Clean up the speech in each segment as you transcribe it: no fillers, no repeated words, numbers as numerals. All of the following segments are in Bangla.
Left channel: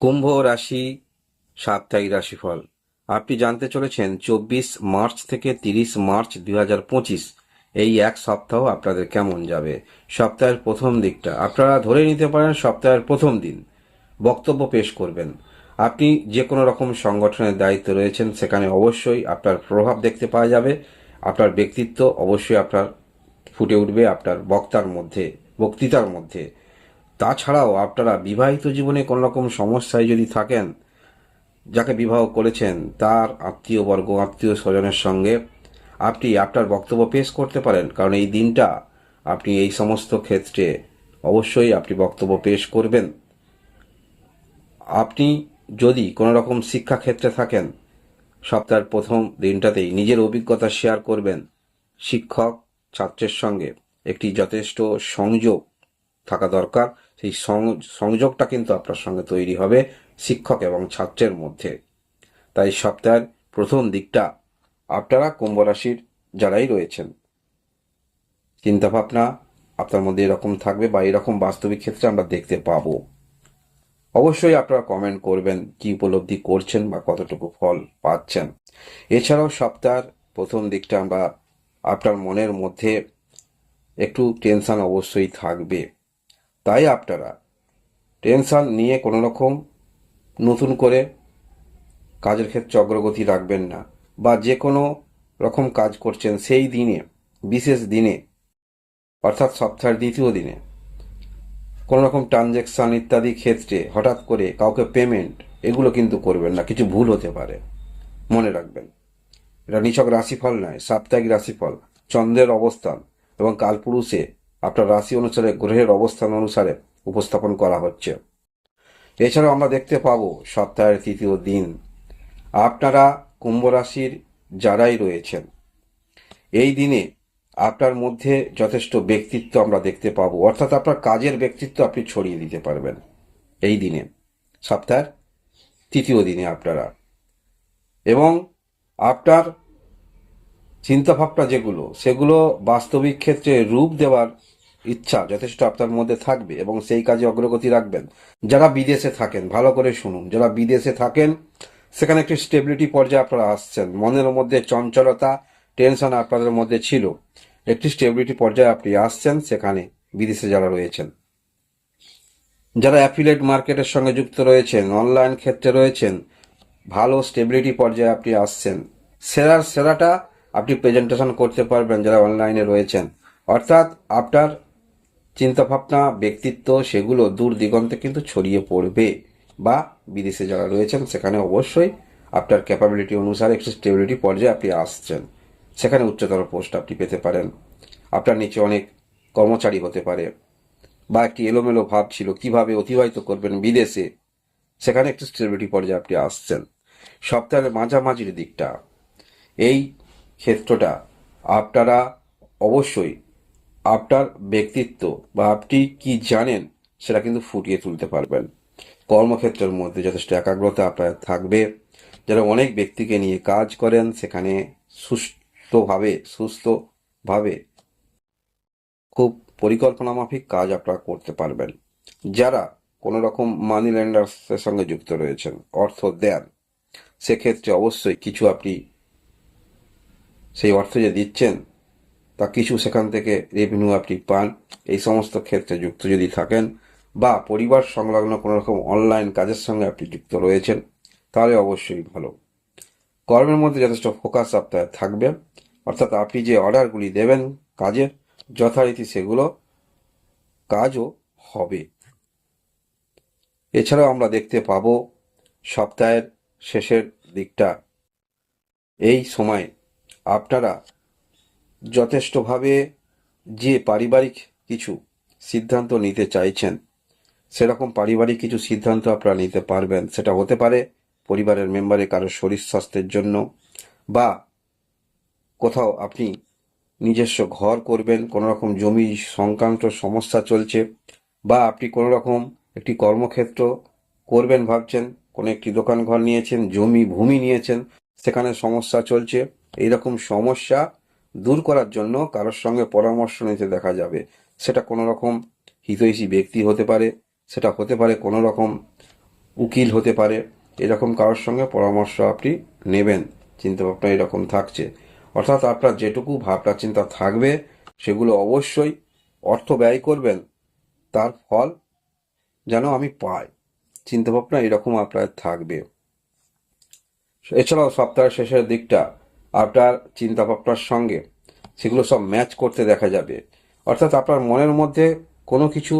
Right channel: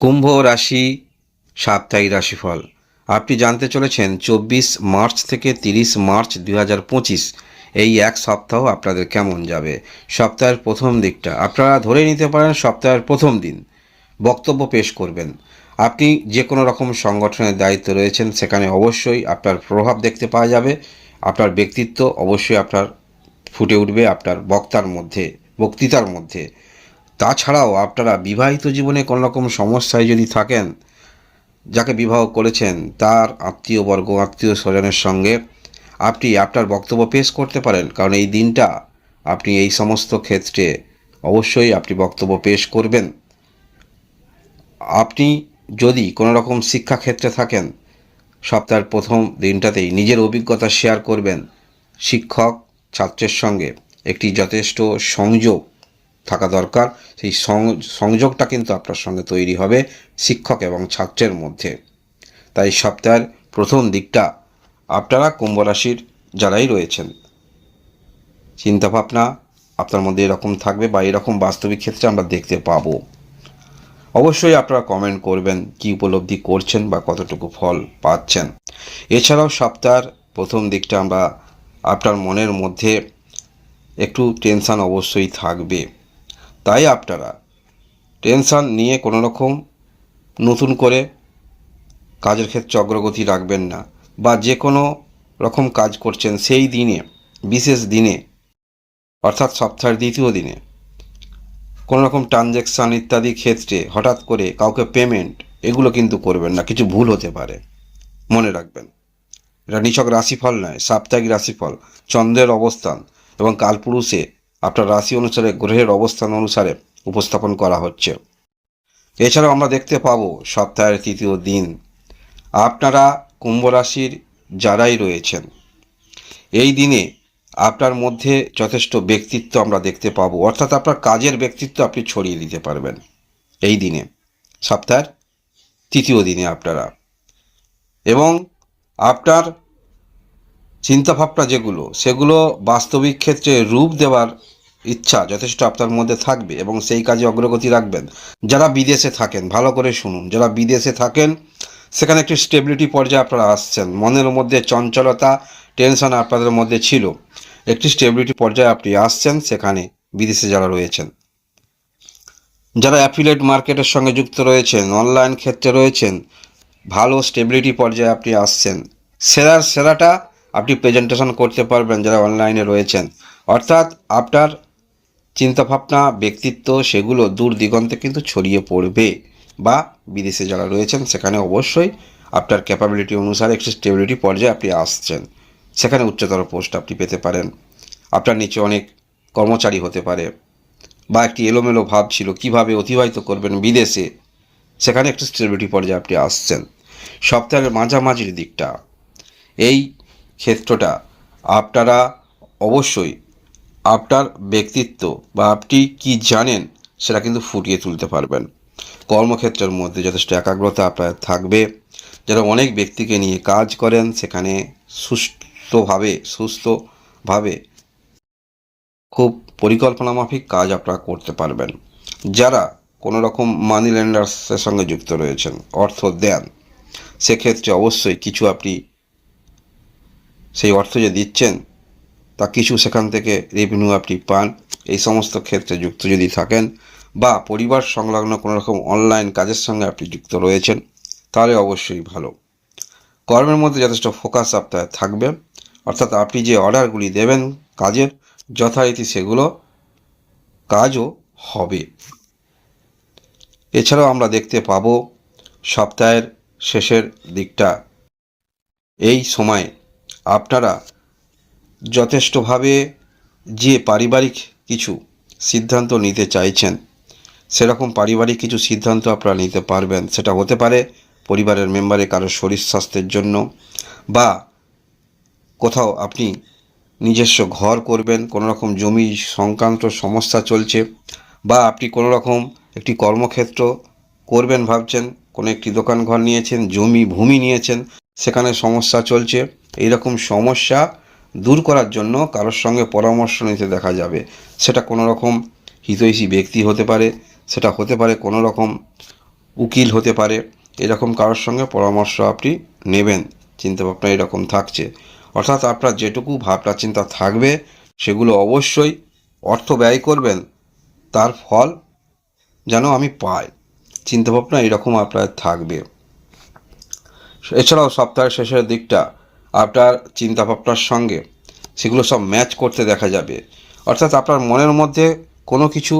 কুম্ভ রাশি সাপ্তাহিক রাশিফল আপনি জানতে চলেছেন 24 মার্চ থেকে 30 মার্চ 2025 এই এক সপ্তাহ আপনাদের কেমন যাবে। সপ্তাহের প্রথম দিকটা আপনারা ধরে নিতে পারেন সপ্তাহের প্রথম দিন বক্তব্য পেশ করবেন। আপনি যে কোনো রকম সংগঠনের দায়িত্ব রয়েছেন, সেখানে অবশ্যই আপনার প্রভাব দেখতে পাওয়া যাবে। আপনার ব্যক্তিত্ব অবশ্যই আপনার ফুটে উঠবে আপনার বক্তৃতার মধ্যে। তাছাড়াও আপনারা বিবাহিত জীবনে কোনো রকম সমস্যায় যদি থাকেন, যাকে বিবাহ করেছেন তার আত্মীয়বর্গ আত্মীয় স্বজনের সঙ্গে আপনি আপনার বক্তব্য পেশ করতে পারেন, কারণ এই দিনটা আপনি এই সমস্ত ক্ষেত্রে অবশ্যই আপনি বক্তব্য পেশ করবেন। আপনি যদি কোনো রকম শিক্ষাক্ষেত্রে থাকেন, সপ্তাহের প্রথম দিনটাতেই নিজের অভিজ্ঞতা শেয়ার করবেন। শিক্ষক ছাত্রের সঙ্গে একটি যথেষ্ট সংযোগ থাকা দরকার। সেই সংযোগটা কিন্তু আপনার সঙ্গে তৈরি হবে শিক্ষক এবং ছাত্রের মধ্যে। তাই সপ্তাহের প্রথম দিকটা আপনারা কুম্ভ রাশির যারাই রয়েছেন, চিন্তাভাবনা আপনার মধ্যে এরকম থাকবে বা এরকম বাস্তবিক ক্ষেত্রে আমরা দেখতে পাবো। অবশ্যই আপনারা কমেন্ট করবেন কি উপলব্ধি করছেন বা কতটুকু ফল পাচ্ছেন। এছাড়াও সপ্তাহের প্রথম দিকটা আমরা আপনার মনের মধ্যে একটু টেনশান অবশ্যই থাকবে। তাই আপনারা টেনশান নিয়ে কোনো রকম নতুন করে কাজের ক্ষেত্রে অগ্রগতি রাখবেন না, বা যে কোনো রকম কাজ করছেন সেই দিনে, বিশেষ দিনে অর্থাৎ সপ্তাহের দ্বিতীয় দিনে কোনো রকম ট্রানজ্যাকশান ইত্যাদি ক্ষেত্রে হঠাৎ করে কাউকে পেমেন্ট এগুলো কিন্তু করবেন না, কিছু ভুল হতে পারে, মনে রাখবেন। এটা নিছক রাশিফল নয়, সাপ্তাহিক রাশিফল চন্দ্রের অবস্থান এবং কালপুরুষে আপনার রাশি অনুসারে গ্রহের অবস্থান অনুসারে উপস্থাপন করা হচ্ছে। এছাড়াও আমরা দেখতে পাবো সপ্তাহের তৃতীয় দিন আপনারা কুম্ভ রাশির যারাই রয়েছেন, এই দিনে আপনার মধ্যে যথেষ্ট ব্যক্তিত্ব আমরা দেখতে পাবো, অর্থাৎ আপনার কাজের ব্যক্তিত্ব আপনি ছড়িয়ে দিতে পারবেন এই দিনে, সপ্তাহের তৃতীয় দিনে আপনারা। এবং আপনার চিন্তাভাবনা যেগুলো, সেগুলো বাস্তবিক ক্ষেত্রে রূপ দেওয়ার ইচ্ছা যথেষ্ট আপনার মধ্যে থাকবে এবং সেই কাজে অগ্রগতি রাখবেন। যারা বিদেশে থাকেন ভালো করে শুনুন, যারা বিদেশে থাকেন সেখানে একটি স্টেবিলিটি পর্যায়ে আপনারা আসছেন। মনের মধ্যে চঞ্চলতা টেনশন আপনাদের মধ্যে ছিল, একটি স্টেবিলিটি পর্যায়ে আপনি আসছেন সেখানে। বিদেশে যারা রয়েছেন, যারা অ্যাফিলিয়েট মার্কেটের সঙ্গে যুক্ত রয়েছেন, অনলাইন ক্ষেত্রে রয়েছেন, ভালো স্টেবিলিটি পর্যায়ে আপনি আসছেন। সেরাটা আপনি প্রেজেন্টেশন করতে পারবেন যারা অনলাইনে রয়েছেন। অর্থাৎ আপনার চিন্তাভাবনা ব্যক্তিত্ব সেগুলো দূর দিগন্তে কিন্তু ছড়িয়ে পড়বে। বা বিদেশে যারা রয়েছেন সেখানে অবশ্যই আপনার ক্যাপাবিলিটি অনুসারে একটি স্টেবিলিটি পর্যায়ে আপনি আসছেন, সেখানে উচ্চতর পোস্ট আপনি পেতে পারেন। আপনার নিচে অনেক কর্মচারী হতে পারে, বা একটি এলোমেলো ভাব ছিল কিভাবে অতিবাহিত করবেন বিদেশে, সেখানে একটি স্টেবিলিটি পর্যায়ে আপনি আসছেন। সপ্তাহের মাঝামাঝির দিকটা, এই ক্ষেত্রটা আপনারা অবশ্যই আপনার ব্যক্তিত্ব বা আপনি কি জানেন সেটা কিন্তু ফুটিয়ে তুলতে পারবেন। কর্মক্ষেত্রের মধ্যে যথেষ্ট একাগ্রতা আপনার থাকবে। যারা অনেক ব্যক্তিকে নিয়ে কাজ করেন সেখানে সুস্থভাবে খুব পরিকল্পনা মাফিক কাজ আপনারা করতে পারবেন। যারা কোনো রকম মানি লেন্ডার্সের সঙ্গে যুক্ত রয়েছেন, অর্থ দেন, সেক্ষেত্রে অবশ্যই কিছু আপনি সেই অর্থ যে দিচ্ছেন তা কিছু সেখান থেকে রেভিনিউ আপনি পান। এই সমস্ত ক্ষেত্রে যুক্ত যদি থাকেন বা পরিবার সংলগ্ন কোনো রকম অনলাইন কাজের সঙ্গে আপনি যুক্ত রয়েছেন, তাহলে অবশ্যই ভালো। কর্মের মধ্যে যথেষ্ট ফোকাস আপনার থাকবে, অর্থাৎ আপনি যে অর্ডারগুলি দেবেন কাজের যথারীতি সেগুলো কাজও হবে। এছাড়াও আমরা দেখতে পাবো সপ্তাহের শেষের দিকটা, এই সময় আপনারা যথেষ্টভাবে যে পারিবারিক কিছু সিদ্ধান্ত নিতে চাইছেন, সেরকম পারিবারিক কিছু সিদ্ধান্ত আপনারা নিতে পারবেন। সেটা হতে পারে পরিবারের মেম্বারের কারোর শরীর স্বাস্থ্যের জন্য, বা কোথাও আপনি নিজস্ব ঘর করবেন, কোনো রকম জমি সংক্রান্ত সমস্যা চলছে, বা আপনি কোনো রকম একটি কর্মক্ষেত্র করবেন ভাবছেন, কোনো একটি দোকান ঘর নিয়েছেন, ভূমি নিয়েছেন, সেখানে সমস্যা চলছে। এইরকম সমস্যা দূর করার জন্য কারোর সঙ্গে পরামর্শ নিতে দেখা যাবে। সেটা কোনো রকম হিতৈষী ব্যক্তি হতে পারে, সেটা হতে পারে কোনো রকম উকিল হতে পারে, এরকম কারোর সঙ্গে পরামর্শ আপনি নেবেন। চিন্তাভাবনা এরকম থাকছে, অর্থাৎ আপনার যেটুকু ভাবনা চিন্তা থাকবে সেগুলো অবশ্যই অর্থ ব্যয় করবেন, তার ফল যেন আমি পাই, চিন্তাভাবনা এরকম আপনার থাকবে। এছাড়াও সপ্তাহের শেষের দিকটা আপনার চিন্তাভাবনার সঙ্গে সেগুলো সব ম্যাচ করতে দেখা যাবে, অর্থাৎ আপনার মনের মধ্যে কোনো কিছু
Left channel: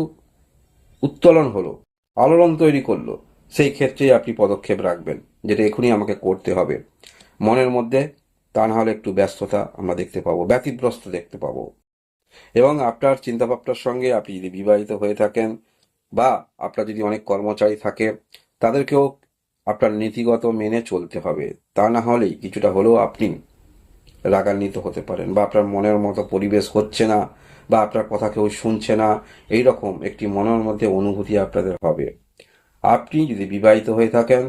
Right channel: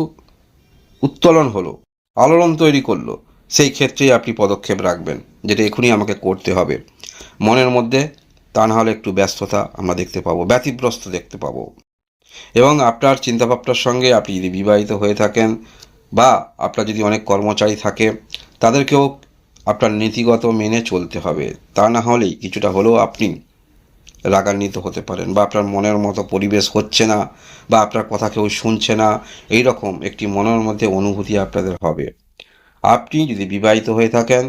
উত্তোলন হলো, আলোড়ন তৈরি করলো, সেই ক্ষেত্রেই আপনি পদক্ষেপ রাখবেন, যেটা এখনই আমাকে করতে হবে। মনের মধ্যে তা না হলে একটু ব্যস্ততা আমরা দেখতে পাবো, ব্যতিব্যস্ত দেখতে পাবো। এবং আপনার চিন্তাভাবনার সঙ্গে আপনি যদি বিবাহিত হয়ে থাকেন বা আপনার যদি অনেক কর্মচারী থাকে, তাদেরকেও আপনার নীতিগত মেনে চলতে হবে, তা না হলেই কিছুটা হলেও আপনি রাগান্বিত হতে পারেন, বা আপনার মনের মতো পরিবেশ হচ্ছে না, বা আপনার কথা কেউ শুনছে না, এই রকম একটি মনের মধ্যে অনুভূতি আপনাদের হবে। আপনি যদি বিবাহিত হয়ে থাকেন,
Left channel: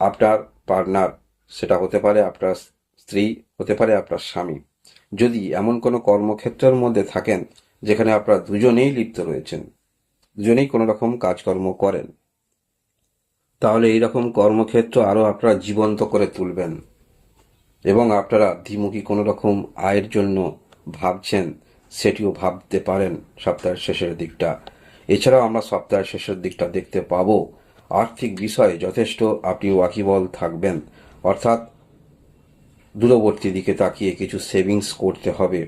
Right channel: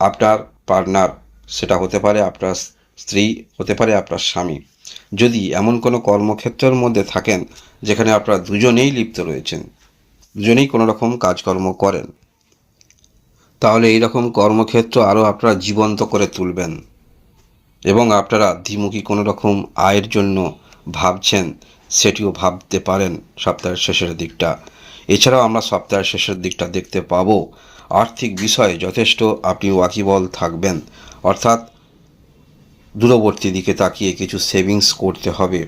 আপনার পার্টনার, সেটা হতে পারে আপনার স্ত্রী, হতে পারে আপনার স্বামী, যদি এমন কোনো কর্মক্ষেত্রের মধ্যে থাকেন যেখানে আপনারা দুজনেই লিপ্ত রয়েছেন, দুজনেই কোনো রকম কাজকর্ম করেন, তাহলে এই রকম কর্মক্ষেত্র আরও আপনারা জীবন্ত করে তুলবেন। এবং আপনারা দ্বিমুখী কোনো রকম আয়ের জন্য ভাবছেন, সেটিও ভাবতে পারেন সপ্তাহের শেষের দিকটা। এছাড়াও আমরা সপ্তাহের শেষের দিকটা দেখতে পাবো আর্থিক বিষয়ে যথেষ্ট আপনি ওয়াকিবল থাকবেন, অর্থাৎ দূরবর্তী দিকে তাকিয়ে কিছু সেভিংস করতে হবে।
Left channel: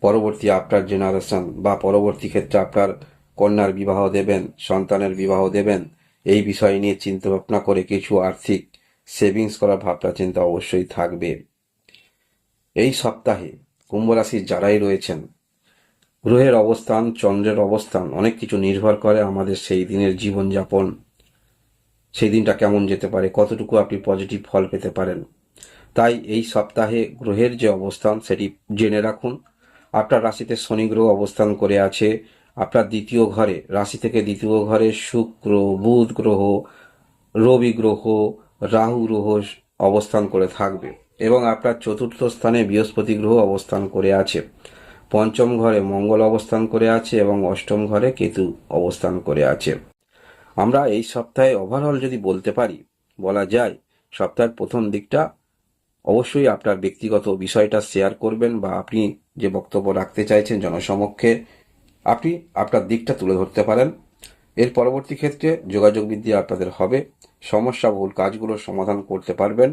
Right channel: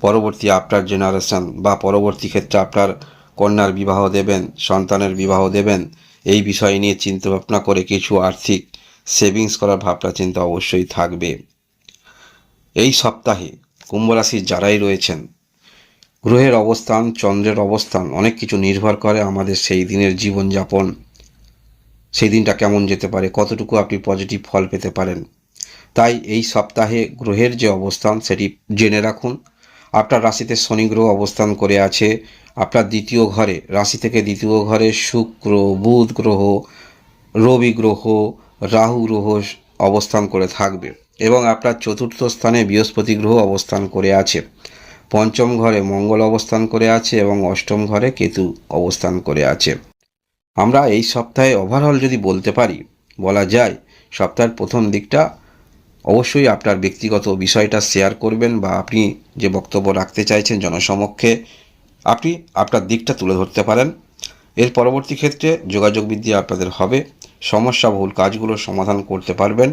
পরবর্তী আপনার জেনারেশন বা পরবর্তী ক্ষেত্রে আপনার কন্যার বিবাহ দেবেন, সন্তানের বিবাহ দেবেন, এই বিষয় নিয়ে চিন্তাভাবনা করে কিছু আর্থিক সেভিংস করার ভাবনা চিন্তা অবশ্যই থাকবে। এই সপ্তাহে কুম্ভ রাশির যারাই রয়েছেন, গ্রহের অবস্থান, চন্দ্রের অবস্থান অনেক কিছু নির্ভর করে আমাদের সেই দিনের জীবনযাপন, সেই দিনটা কেমন যেতে পারে, কতটুকু আপনি পজিটিভ ফল পেতে পারেন। তাই এই সপ্তাহে গ্রহের যে অবস্থান সেটি জেনে রাখুন। আপনার রাশিতে শনি গ্রহ অবস্থান করে আছে, আপনার দ্বিতীয় ঘরে, রাশি থেকে দ্বিতীয় ঘরে শুক্র, বুধ গ্রহ, রবি গ্রহ, রাহু গ্রহ অবস্থান করে থাকবে, এবং আপনার চতুর্থ স্থানে বৃহস্পতি গ্রহ অবস্থান করে আছে, পঞ্চম ঘরে মঙ্গল অবস্থান করে আছে, এবং অষ্টম ঘরে কেতু অবস্থান করে আছে। আমরা এই সপ্তাহে ওভারঅল যদি বলতে পারি, বলা যায় সপ্তাহের প্রথম দিকটা অবশ্যই আপনার ব্যক্তিগত বিষয়টা শেয়ার করবেন, বা আপনি যে বক্তব্য রাখতে চাইছেন জনসমক্ষে আপনি আপনার দিকটা তুলে ধরতে পারেন। এর পরবর্তী ক্ষেত্রে যোগাযোগ বৃদ্ধি আপনাদের হবে, সমস্যাবহুল কাজগুলোর সমাধান করতে পারবেন,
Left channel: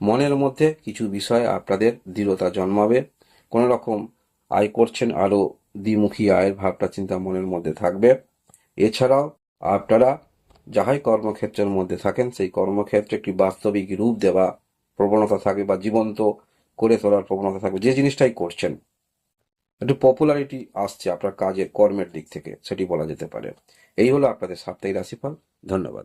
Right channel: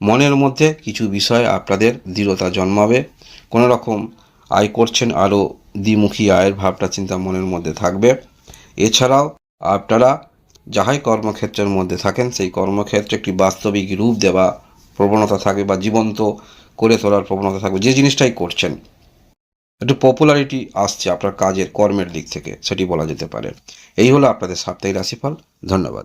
মনের মধ্যে কিছু বিষয় আপনাদের দৃঢ়তা জন্মাবে, কোনো রকম আয় করছেন, আরও দ্বিমুখী আয়ের ভাবনা চিন্তা মনের মধ্যে থাকবে। এছাড়াও আপনারা যাহাই কর্মক্ষেত্রের মধ্যে থাকেন সেই কর্মক্ষেত্রে একটি বাস্তবিক রূপ দেওয়া প্রবণতা থাকবে, বা জীবন্ত করে তোলার প্রবণতা থাকবে, যে জিনিসটাই করছেন একটু পপুলারিটি আসছে আপনার কাজের কর্মের দিক থেকে, সেটি বলা যেতে পারে। এই হলো আপনাদের সাপ্তাহিক রাশিফল। ধন্যবাদ।